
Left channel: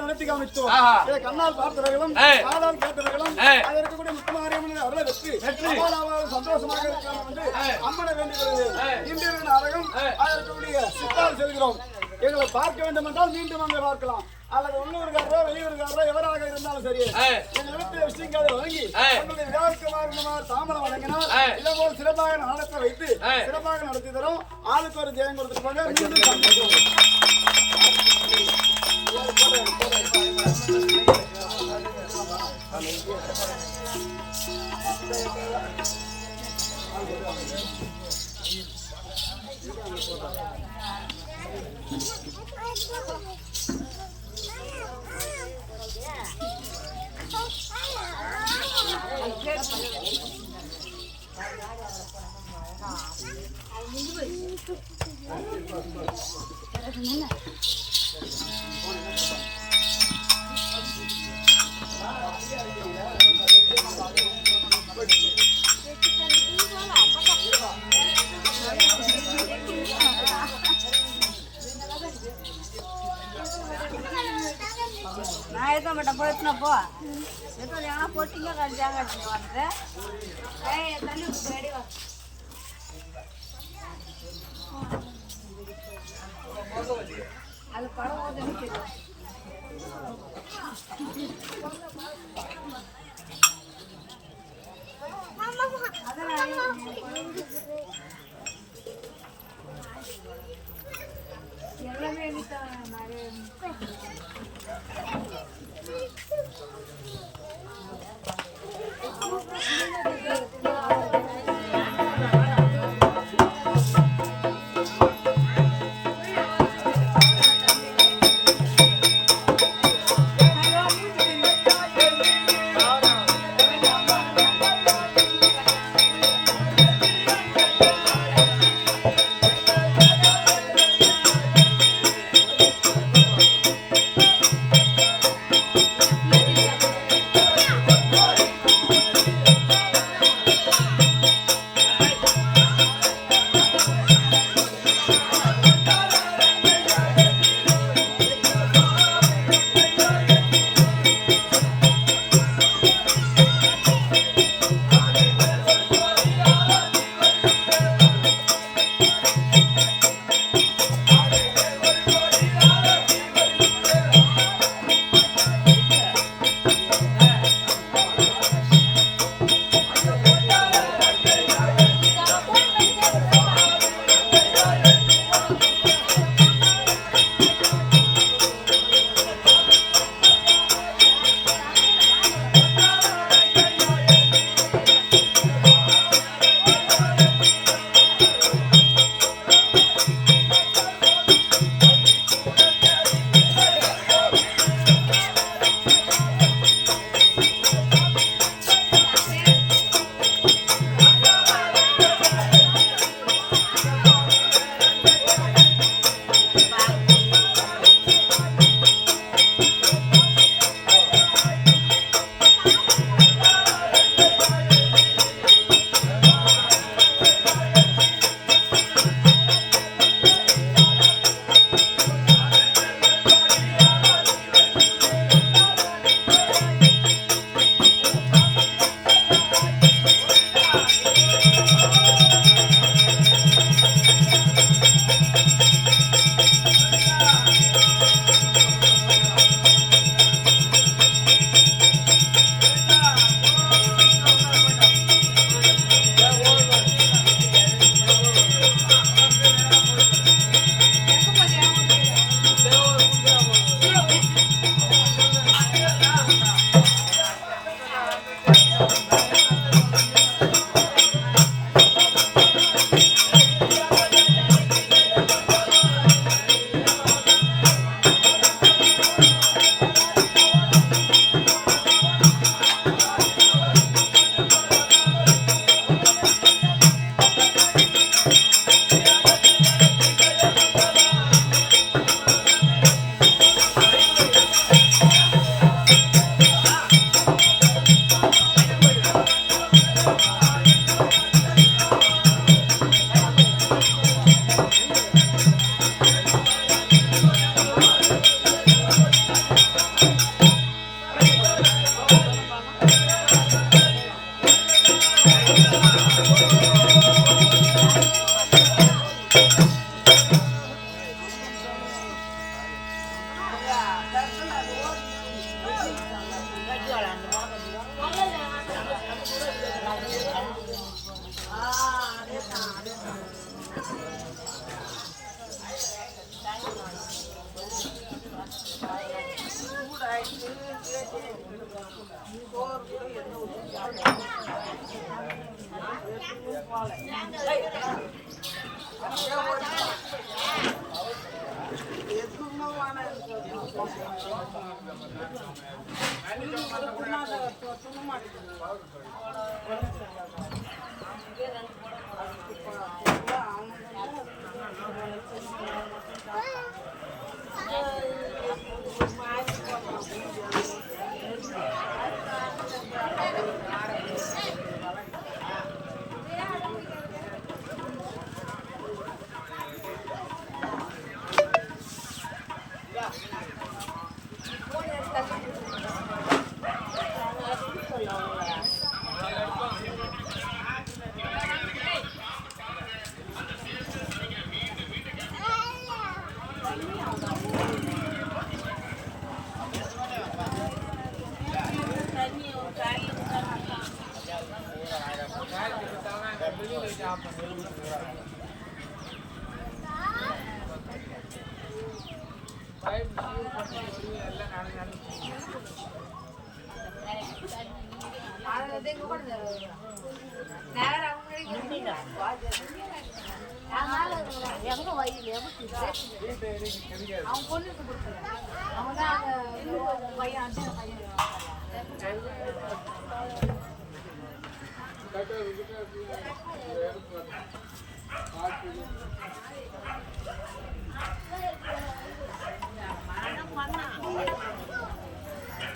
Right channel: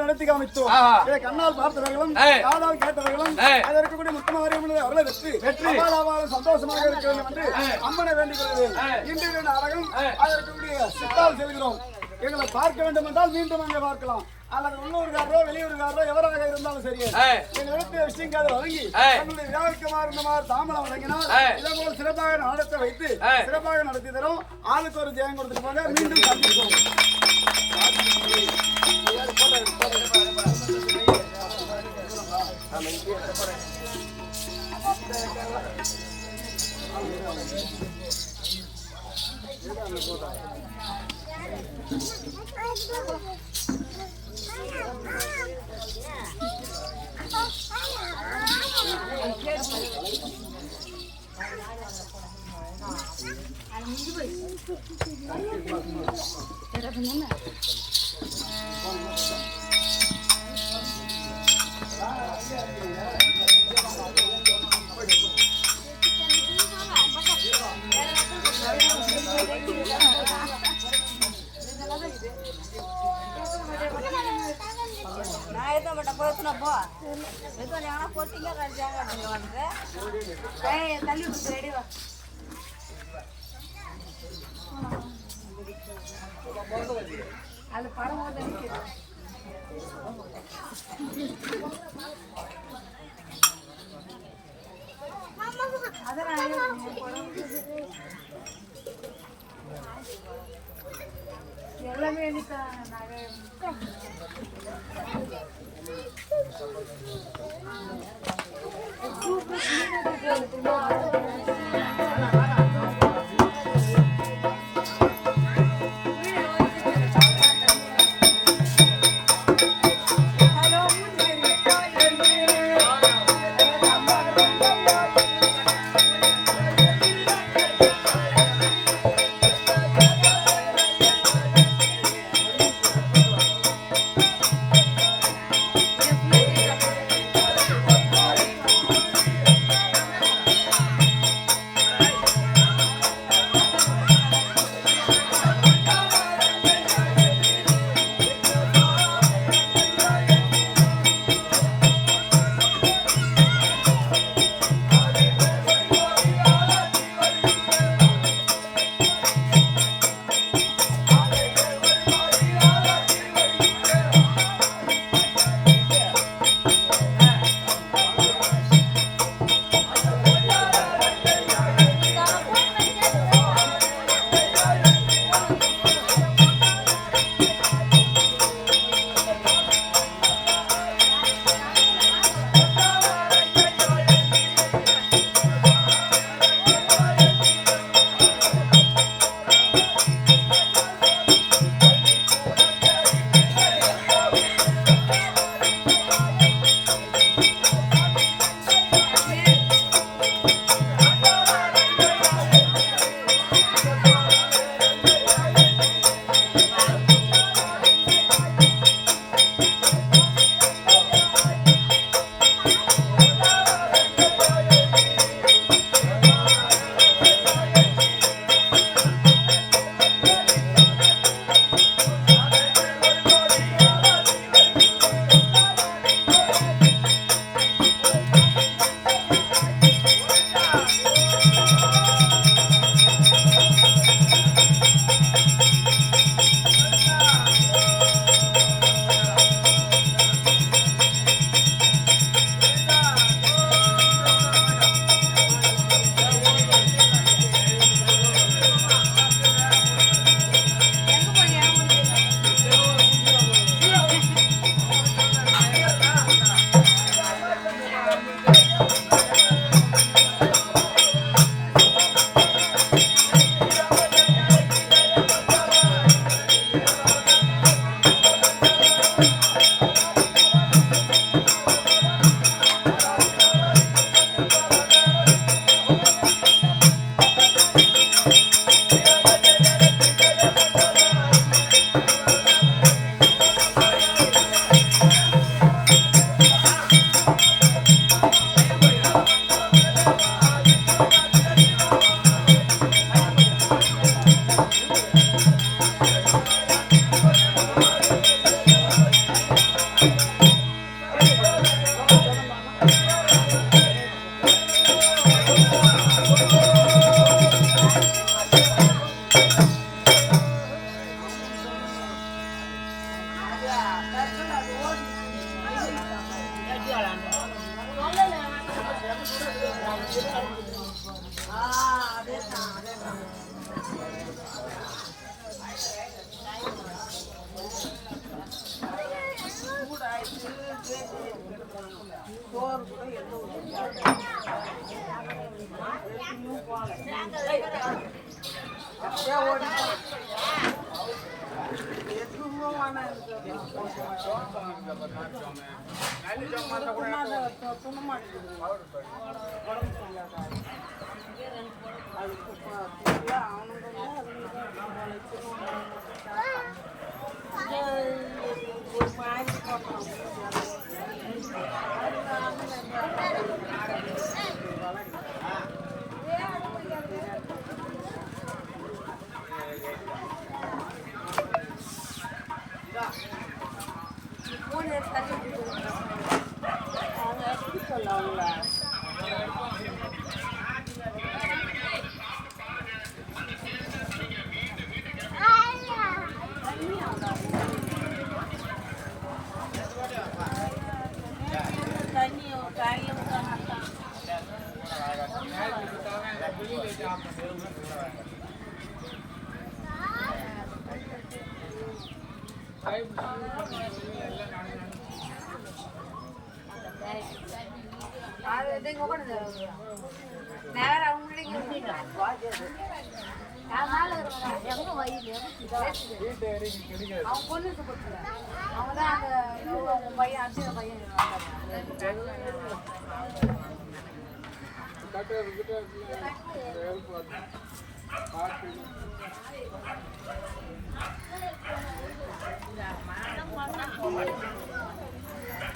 நடத்தி காமித்தோம். இதை கண்ணால் பார்த்தவர்களும் காதால் கேட்டவர்களும் அதற்குரிய முத்துமாரியம்மன் அருளை வெற்றி சந்தோஷமாக இருக்க வேண்டும் என்று அம்மனை வேண்டிக் கொள்கிறேன். இன்று நாடகம் அதற்குரிய சித்தால் செல்கிறோம். எங்களை பார்க்க வேண்டும் என்றால் மீண்டும் அங்கே பார்க்கலாம். அல்லது உள்ளூர்காரரோ வெளியூர்காரரோ எவராக இருந்தாலும் சரி எங்கள் வீட்டு விஷயங்களை வழங்கி எங்களுடைய விழாவிற்குமாறு இந்த மாதிரி தாமரம் வழங்கினால் இதே போல் சிறப்பாக நாடத்தை வைத்து சிறப்பாக நடத்தி தரும். ஆளுக்கு ஒரு ஜெயம் கொடுத்துட்டு போங்க. மீண்டும் சந்திப்போம். எல்லாமே Right.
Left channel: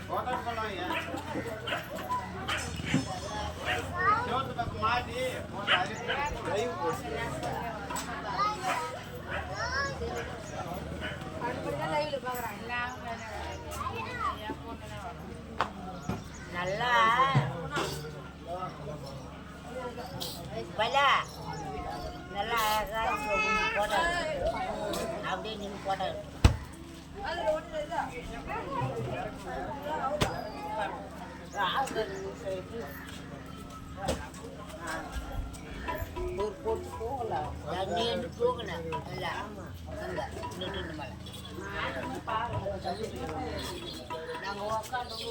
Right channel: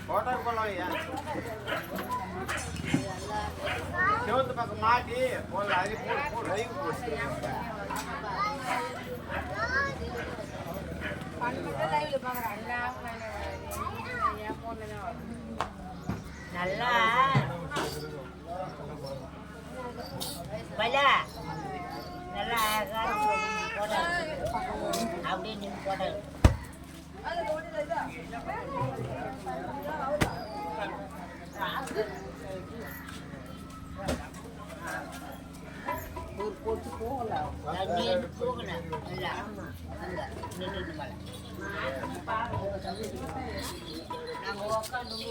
ஹோட்டல் பண்ணலையா செவத்து பக்கம் மாட்டி போல அரி போட்டு நல்லா பலா நல்லா அழகா போட்டோ அப்படியே நின்று போட்டோ நீண்டு போகணும் இல்லை நின்று மேலே நாங்கள் உக்காந்து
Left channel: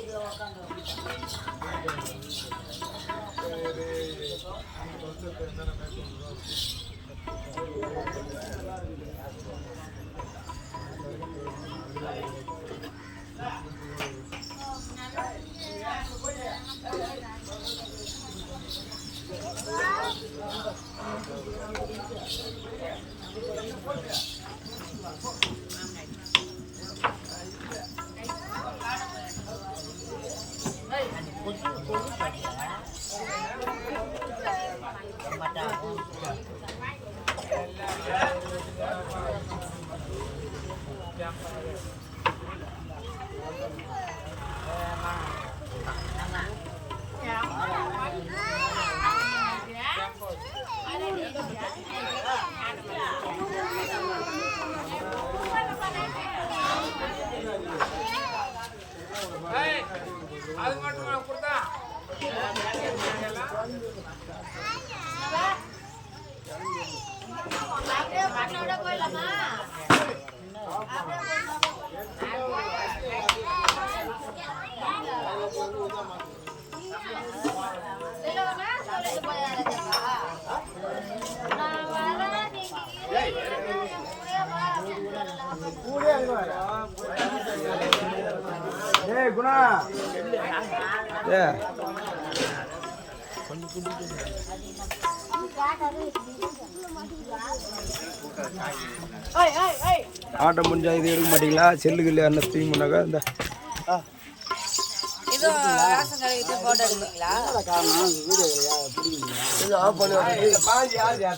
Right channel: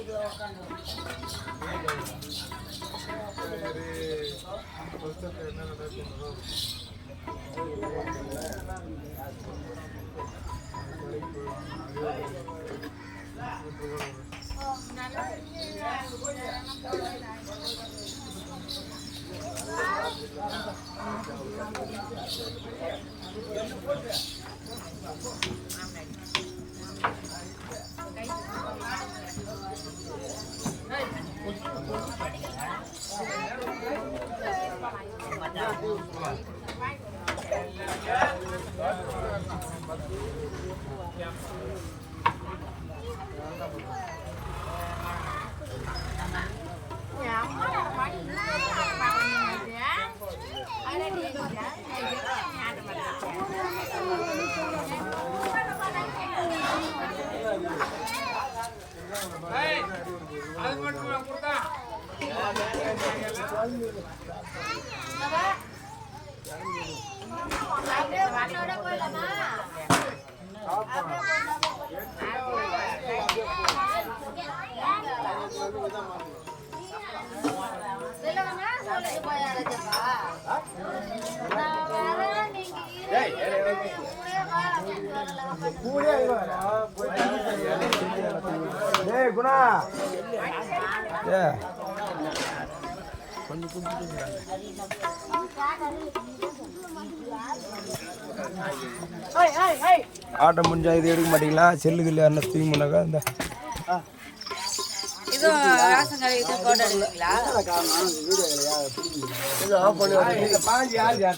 அது மட்டும் நான் கொடுத்தா குணா ஆட்டம் முடிஞ்சா இது எடுக்க மாட்டீங்களா செல்லுக்கு இல்லையா என்ன தூங்கினாக்கா இந்த இது போட்டோ எடுக்கிறீங்களா